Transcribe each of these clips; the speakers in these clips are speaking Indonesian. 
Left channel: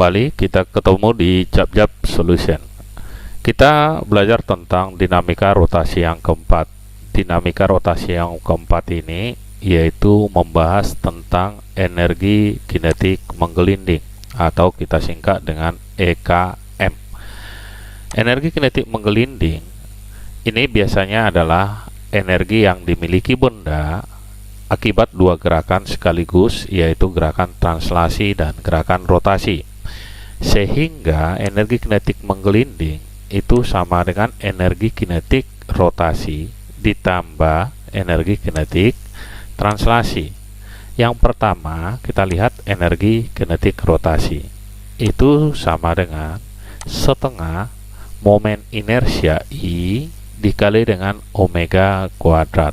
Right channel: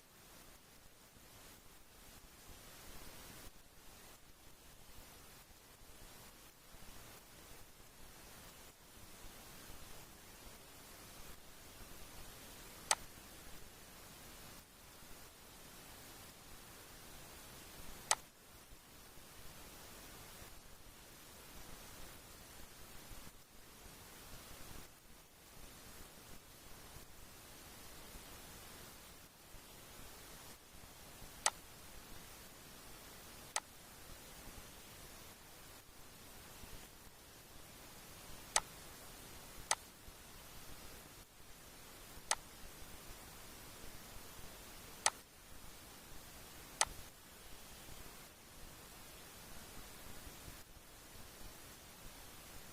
kembali kita ketemu di Jab-Jab Solution. Kita belajar tentang dinamika rotasi yang keempat. Dinamika rotasi yang keempat ini yaitu membahas tentang energi kinetik menggelinding atau kita singkat dengan EKM. Energi kinetik menggelinding ini biasanya adalah energi yang dimiliki benda akibat dua gerakan sekaligus, yaitu gerakan translasi dan gerakan rotasi. Sehingga energi kinetik menggelinding itu sama dengan energi kinetik rotasi ditambah energi kinetik translasi. Yang pertama, kita lihat energi kinetik rotasi. Itu sama dengan setengah momen inersia I dikali dengan omega kuadrat.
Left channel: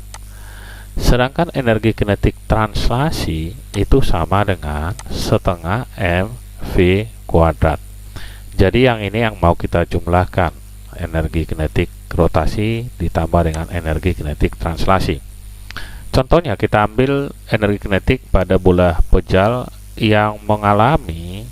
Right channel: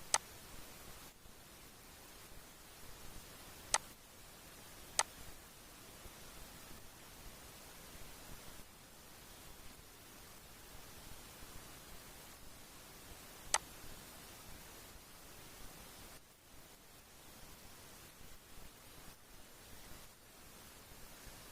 Sedangkan energi kinetik translasi itu sama dengan setengah mv kuadrat. Jadi yang ini yang mau kita jumlahkan, energi kinetik rotasi ditambah dengan energi kinetik translasi. Contohnya kita ambil energi kinetik pada bola pejal yang mengalami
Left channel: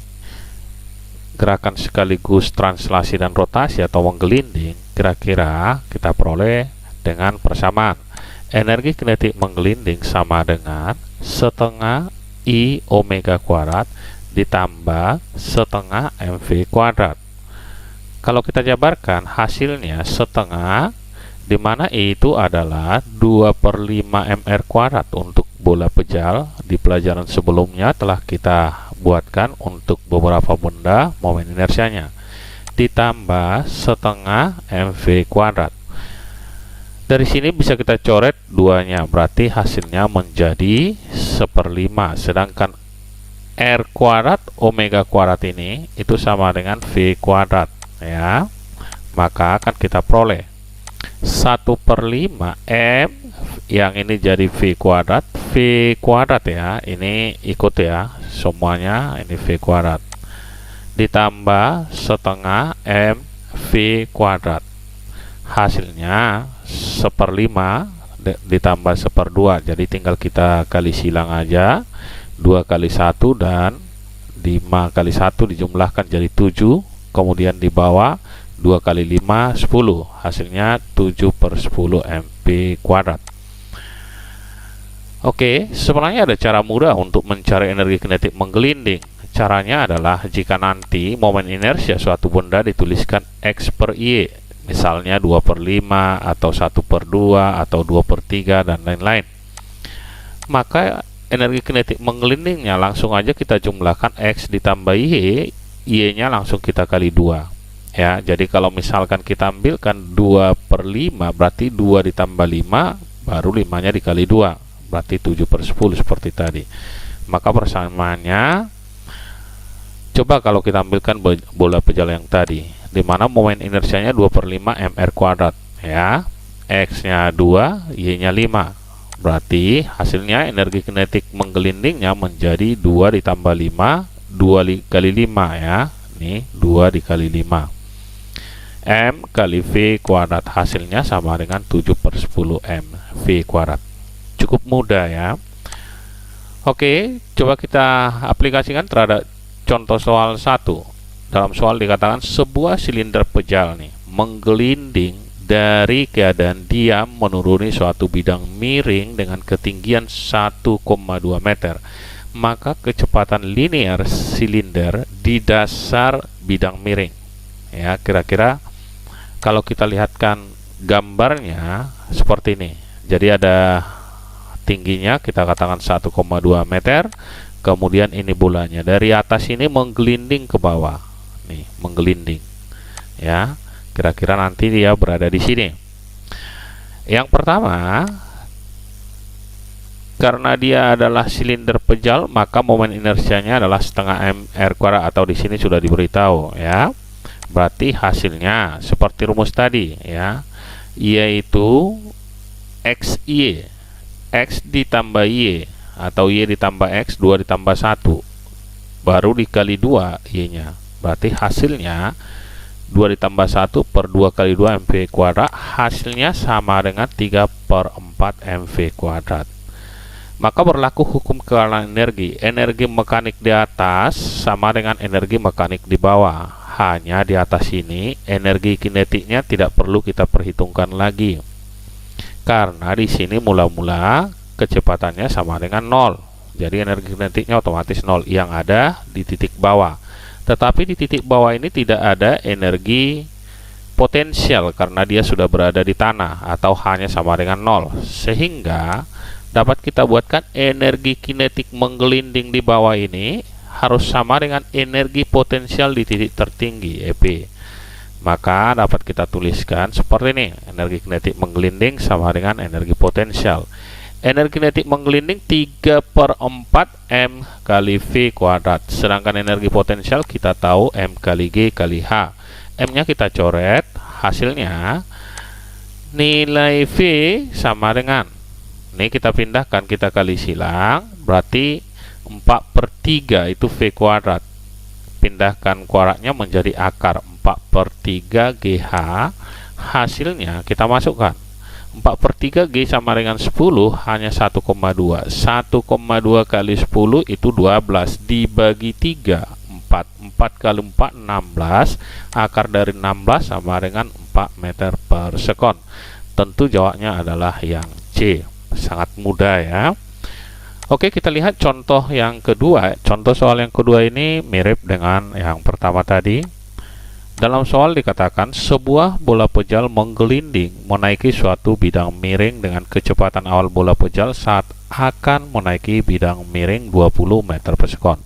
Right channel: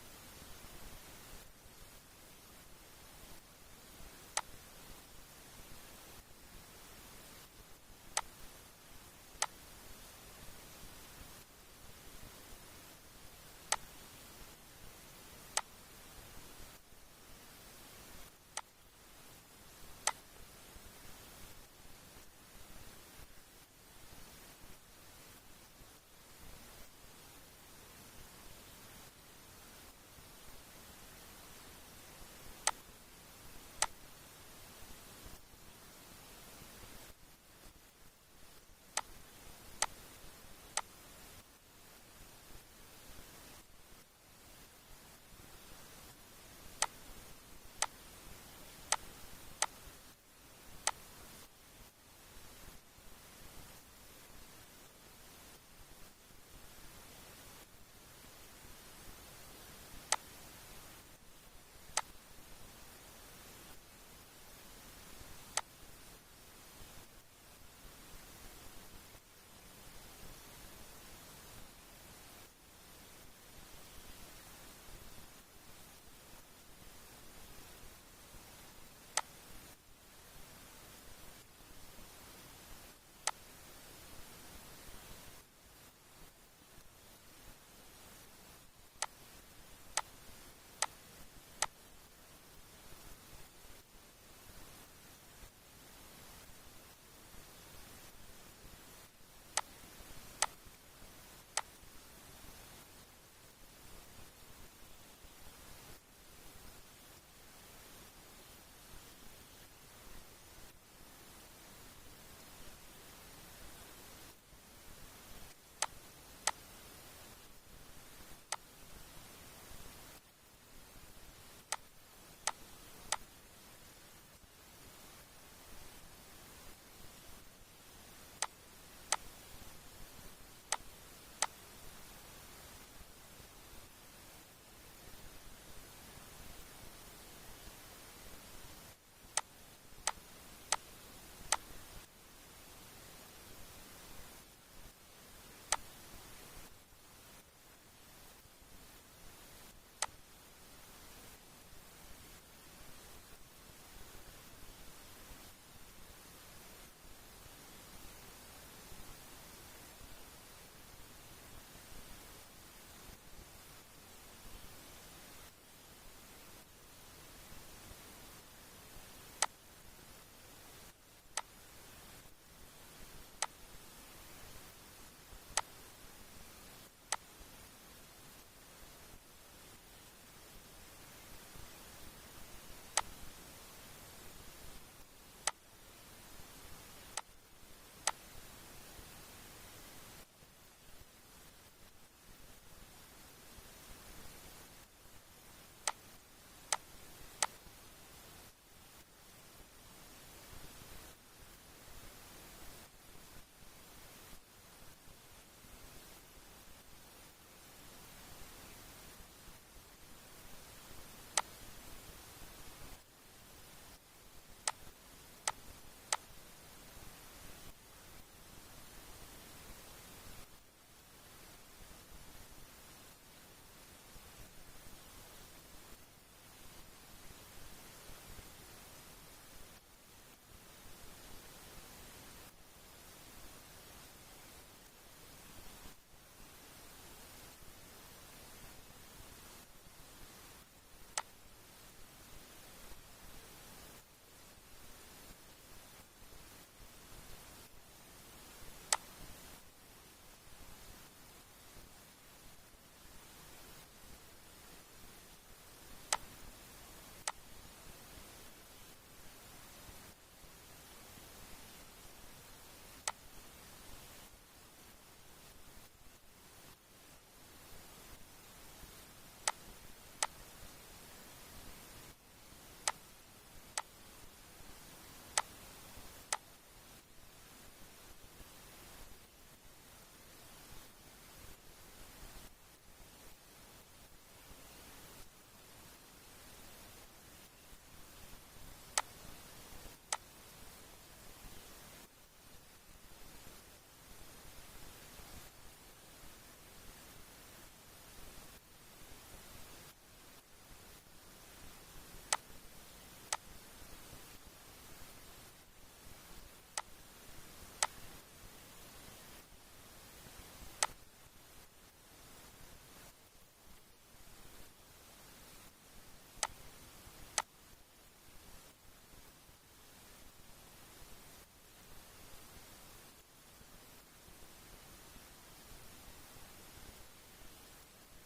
gerakan sekaligus translasi dan rotasi atau menggelinding. Kira-kira kita peroleh dengan persamaan. Energi kinetik menggelinding sama dengan setengah I omega kuadrat ditambah setengah mv kuadrat. Kalau kita jabarkan hasilnya setengah, dimana I itu adalah 2/5 mr kuadrat. Untuk bola pejal di pelajaran sebelumnya telah kita buatkan untuk beberapa benda momen inersianya, ditambah setengah mv kuadrat. Dari sini bisa kita coret duanya, berarti hasilnya menjadi 1/5. Sedangkan R kuadrat omega kuadrat ini itu sama dengan V kuadrat, ya. Maka akan kita peroleh 1/5 M, yang ini jadi V kuadrat ya, ini ikut ya semuanya, ini V kuadrat ditambah setengah M V kuadrat. Hasilnya 1/5 ditambah 1/2, jadi tinggal kita kali silang aja. 2 kali 1 dan 5 kali 1 dijumlahkan jadi 7, kemudian di bawah 2 kali 5 10, hasilnya 7/10 mv kuadrat. Oke, sebenarnya ada cara mudah untuk mencari energi kinetik menggelinding. Caranya adalah jika nanti momen inersia suatu benda dituliskan X per Y, misalnya 2/5 atau 1/2 atau 2/3 dan lain-lain, maka energi kinetik menggelindingnya langsung aja kita jumlahkan X ditambah Y, Y-nya langsung kita kali 2 ya. Jadi kalau misalkan kita ambilkan 2/5, berarti 2 ditambah 5 baru 5 nya dikali 2, berarti 7/10 seperti tadi. Maka persamaannya, coba kalau kita ambilkan bola pejal yang tadi, dimana momen inersianya 2/5 mr kuadrat ya, X nya 2, Y nya 5, berarti hasilnya energi kinetik menggelindingnya menjadi 2 ditambah 5, 2 kali 5 ya, ini 2 dikali 5 M kali V kuadrat, hasilnya sama dengan 7/10 M V kuadrat. Cukup mudah ya. Oke, coba kita aplikasikan terhadap contoh soal 1. Dalam soal dikatakan sebuah silinder pejal nih menggelinding dari keadaan diam menuruni suatu bidang miring dengan ketinggian 1,2 meter. Maka kecepatan linear silinder di dasar bidang miring. Ya, kira-kira kalau kita lihatkan gambarnya seperti ini. Jadi ada tingginya kita katakan 1,2 meter. Kemudian ini bolanya dari atas ini menggelinding ke bawah. Nih, menggelinding. Ya, kira-kira nanti dia berada di sini. Yang pertama, karena dia adalah silinder pejal, maka momen inersianya adalah setengah mr kuadrat, atau di sini sudah diberitahu ya. Berarti hasilnya seperti rumus tadi ya, yaitu XY, X ditambah Y atau Y ditambah X, 2 ditambah 1 baru dikali 2 Y nya, berarti hasilnya 2 ditambah 1 per 2 kali 2 mv kuadrat, hasilnya sama dengan 3/4 mv kuadrat. maka berlaku hukum kealaan energi. Energi mekanik di atas sama dengan energi mekanik di bawah. Hanya di atas ini energi kinetiknya tidak perlu kita perhitungkan lagi, karena di sini mula-mula kecepatannya sama dengan 0. Jadi energi kinetiknya otomatis 0 yang ada di titik bawah. Tetapi di titik bawah ini tidak ada energi potensial karena dia sudah berada di tanah atau hanya sama dengan 0. Sehingga dapat kita buatkan energi kinetik menggelinding di bawah ini harus sama dengan energi potensial di titik tertinggi EP. Maka dapat kita tuliskan seperti ini. Energi kinetik menggelinding sama dengan energi potensial. Energi kinetik menggelinding 3/4 M kali V kuadrat. Sedangkan energi potensial kita tahu M kali G kali H. M nya kita coret. Hasilnya nilai V sama dengan, ini kita pindahkan, kita kali silang, berarti 4/3 itu V kuadrat. Pindahkan kuadratnya menjadi akar 4/3 GH. Hasilnya kita masukkan 4/3 G sama dengan 10 hanya 1,2. 1,2 kali 10 itu 12 dibagi 3 4. 4 kali 4 16. Akar dari 16 sama dengan 4 meter per sekon. Tentu jawabnya adalah yang C. Sangat mudah ya. Oke, kita lihat contoh yang kedua. Contoh soal yang kedua ini mirip dengan yang pertama tadi. Dalam soal dikatakan sebuah bola pejal menggelinding menaiki suatu bidang miring dengan kecepatan awal bola pejal saat akan menaiki bidang miring 20 meter per sekon.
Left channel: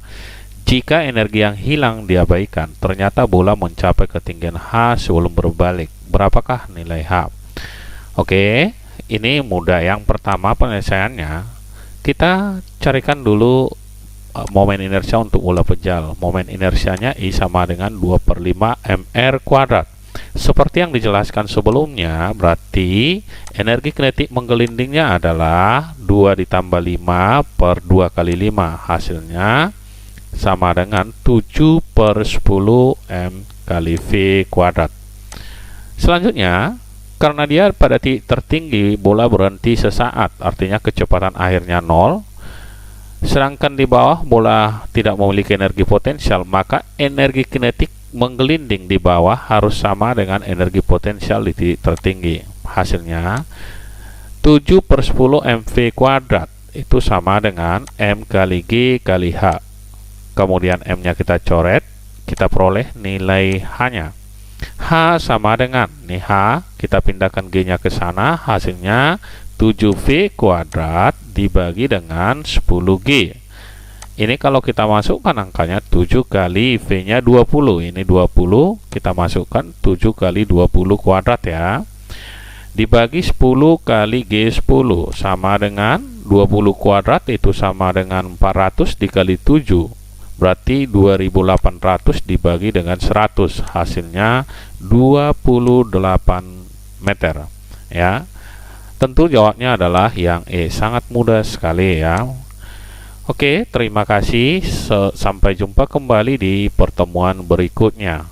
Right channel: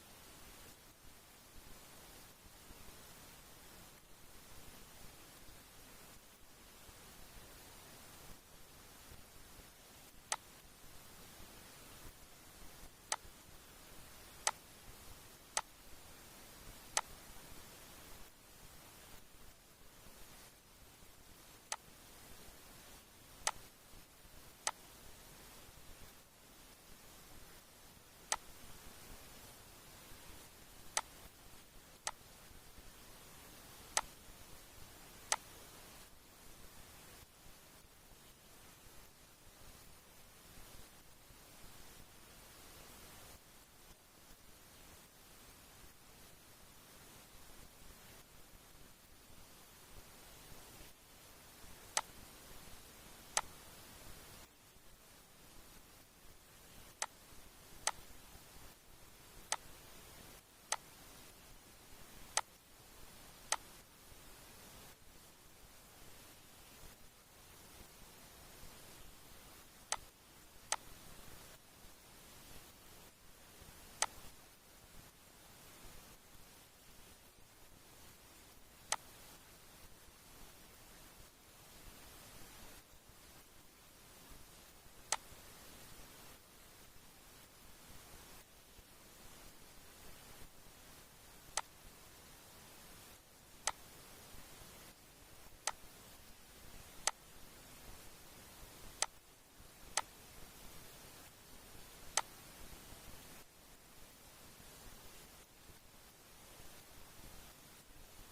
Jika energi yang hilang diabaikan, ternyata bola mencapai ketinggian H sebelum berbalik. Berapakah nilai H? Oke, ini mudah. Yang pertama penyelesaiannya, kita carikan dulu momen inersia untuk bola pejal. Momen inersianya I sama dengan 2/5 mr kuadrat. Seperti yang dijelaskan sebelumnya, berarti energi kinetik menggelindingnya adalah 2 ditambah 5 per 2 kali 5. Hasilnya sama dengan 7/10 M kali V kuadrat. Selanjutnya, karena dia pada titik tertinggi, bola berhenti sesaat, artinya kecepatan akhirnya 0. Sedangkan di bawah bola tidak memiliki energi potensial, maka energi kinetik menggelinding di bawah harus sama dengan energi potensial di titik tertinggi. Hasilnya 7/10 mv kuadrat itu sama dengan M kali G kali H. Kemudian M nya kita coret, kita peroleh nilai H-nya. H sama dengan, nih H, kita pindahkan G-nya ke sana, hasilnya 7V kuadrat dibagi dengan 10G. Ini kalau kita masukkan angkanya 7 kali V-nya 20. Ini 20, kita masukkan 7 kali 20 kuadrat ya. Dibagi 10 kali G10 sama dengan 20 kuadrat itu sama dengan 400 dikali 7. Berarti 2800 dibagi dengan 100, hasilnya 28 meter ya. Tentu jawabnya adalah yang E. Sangat mudah sekali ya. Oke, terima kasih. Sampai jumpa kembali di pertemuan berikutnya.